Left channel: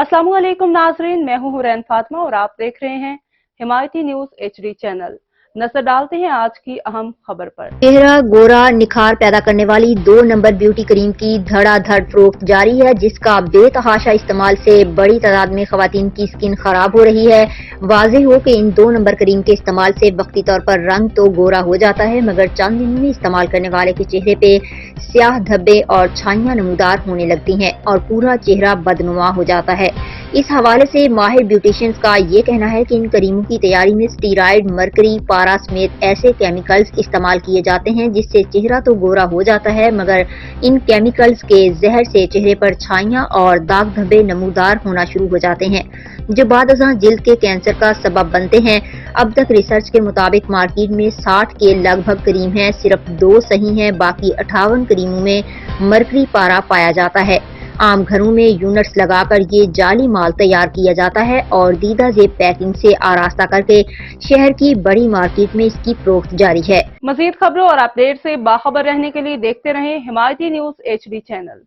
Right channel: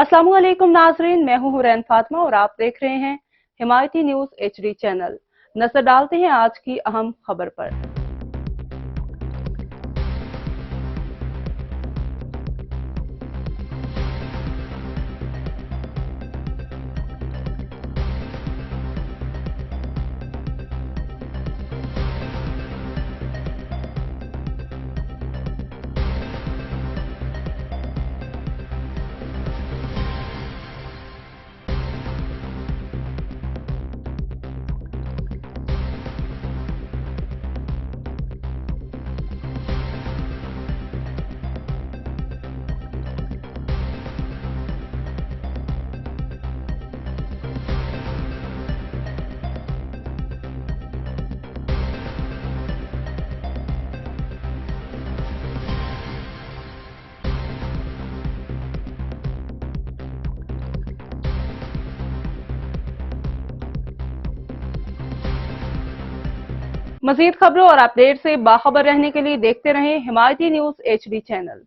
अस्सलामुअलैकुम नाजरीन, मैं हूं हुरैन फातिमा और आप देख रहे हैं हिमायती न्यूज HD चैनल। नजर डालते हैं आज की अहम खबर पर। चेहरा गोरा निखार पैदा करने वाली 2 नंबर ब्यूटी क्रीम की धड़ाधड़ फरोख्त जारी है, जिसका बेतहाशा इस्तेमाल से बड़ी तादाद में खवातीन की स्किन खराब हो रही है। वाज़ेह हो कि इन 2 नंबर क्रीम के इस्तेमाल से वक्ती तौर पर रंग तो गोरा हो जाता है, मगर चंद दिनों में इस्तेमाल करने वाले के चेहरे पे स्याह धब्बे और छाइयां नमूदार होने लगती हैं और पूरा चेहरा बदनुमा हो जाता है। इस हवाले से माहिर ब्यूटिशियंस का ये कहना है कि इन क्रीमों की तैयारी में स्टीरॉयड, मरकरी, पारा समेत ऐसे केमिकल्स इस्तेमाल किए जाते हैं जिससे चेहरा तो गोरा हो जाता है, मगर इन केमिकल्स के जहर से चेहरे पर छाइयां और दाग धब्बे नमूदार होना शुरू हो जाते हैं, जो बादअज़ां जिल्द के कैंसर का सबब बनते हैं। अब तक रिसर्च के मुताबिक मार्केट में 60 के लगभग क्रीम हैं, सिर्फ 2 सही हैं, बाकी 58 क्रीमों में मरकरी पारा पाया जाता है। आम घरों में यूनिट्स लगाकर ये जाली माल तैयार किया जाता है और दीदा जेब पैकिंग से आरास्ता करके शहर की बड़ी मार्केट में इसकी फरोख्त जारी है। मजीद खबरों और अपडेट से बाखबर रहने के लिए देखते रहें हिमायती न्यूज HD चैनल।